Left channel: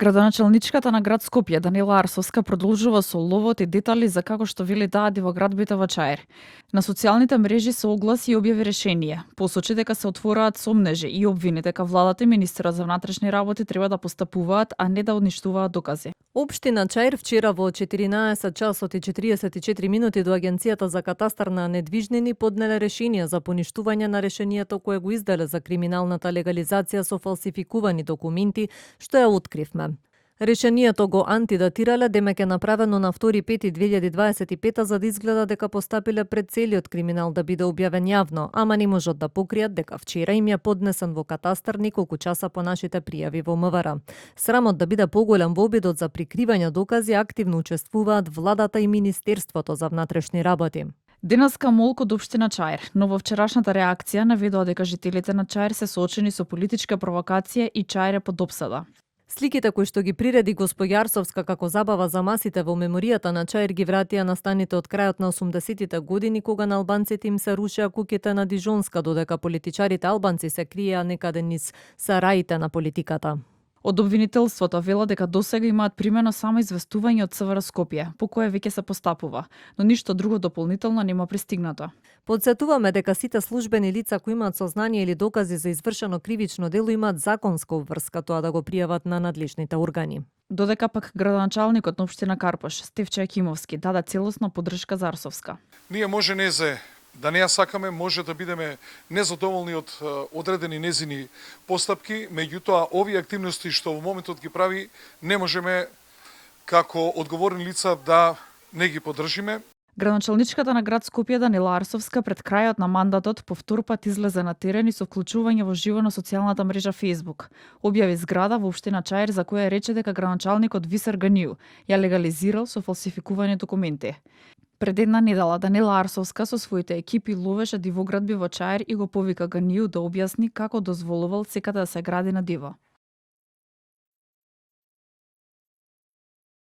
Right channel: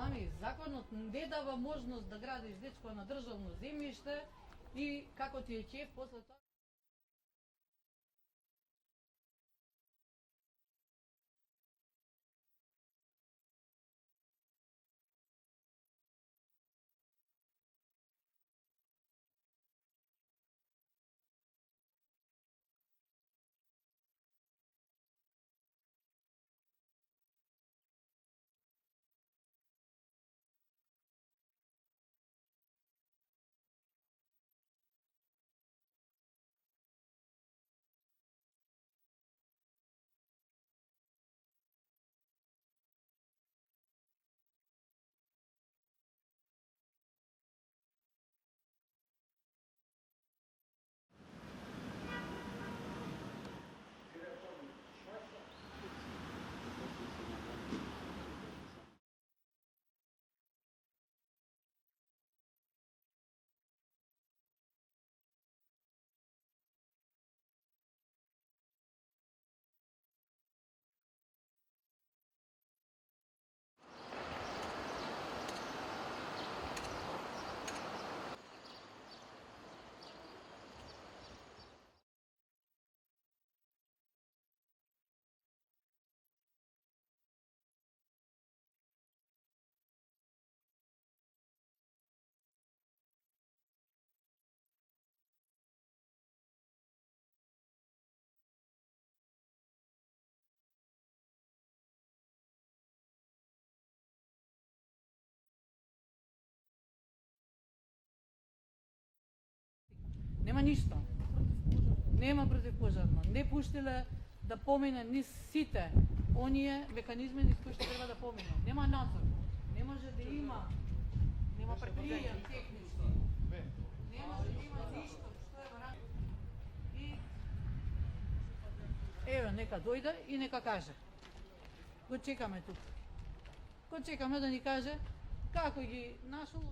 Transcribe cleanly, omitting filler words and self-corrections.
Градоначалничката на град Скопје Данила Арсовска продолжува со ловот и детали за како што вели таа во градбите во Чаир. На социјалните мрежи се огласи и објави решение. Посочи дека се отвораат сомнежи и обвини дека владата и министерот за внатрешни работи треба да постапуваат, а не да одништуваат докази. Општина Чаир вчера во 14 часот и 44 минути до Агенцијата за катастар на недвижнини поднеле решение за поништување на решението кое го издаде за криминалната легализација со фалсификувани документи, што ја откривме. Решението го антидатирале демек е направено на 2.5.2025 за да изгледа дека постапиле пред целиот криминал да биде објавен јавно, ама не можат да покријат дека вчера им ја поднесен во катастар неколку часа по нашите пријави во МВР. Срамот да биде поголем во обидот за прикривање докази активно учествуваат владата и Министерството за внатрешни работи. Денеска молк од општина Чаир, но во вчерашната реакција наведува дека жителите на Чаир се соочени со политичка провокација и Чаир е под опсада. Сликите кои што ги приреди госпоѓа Арсовска како забава за масите во меморијата на Чаир ги вратија настаните од крајот на 80-тите години кога на албанците им се рушеа куќите на Дижонска, додека политичарите албанци се криеа некаде низ сараите на политиката. Од обвинителството вела дека досега имаат примено само известување од СВР Скопје, по кое веќе се постапува, но ништо друго дополнително нема пристигнато. Подсетуваме дека сите службени лица кои имаат сознание или докази за извршено кривично дело имаат законска обврска тоа да го пријават на надлежните органи. Додека пак градоначалникот на општина Карпош, Стефче Акимовски, даде целосна поддршка за Арсовска. Ние може да не ја сакаме, може да бидеме незадоволни од одредени незини постапки, меѓутоа овие активности што во моментот ги прави, не можеме како одговорни лица да не ги поддржиме. Градоначалничката на град Скопје Данила Арсовска пред крајот на мандатот по втор пат излезе на терен и со вклучување во живо на социјалната мрежа Facebook. Објави зграда во општина Чаир за која рече дека градоначалникот Висер Ганију ја легализирал со фалсификувани документи. Пред една недела Данила Арсовска со своите екипи ловеше дивоградби во Чаир и го повика Ганију да објасни како дозволувал секаде да се гради на диво. Чекаме да ни каже како ги нашол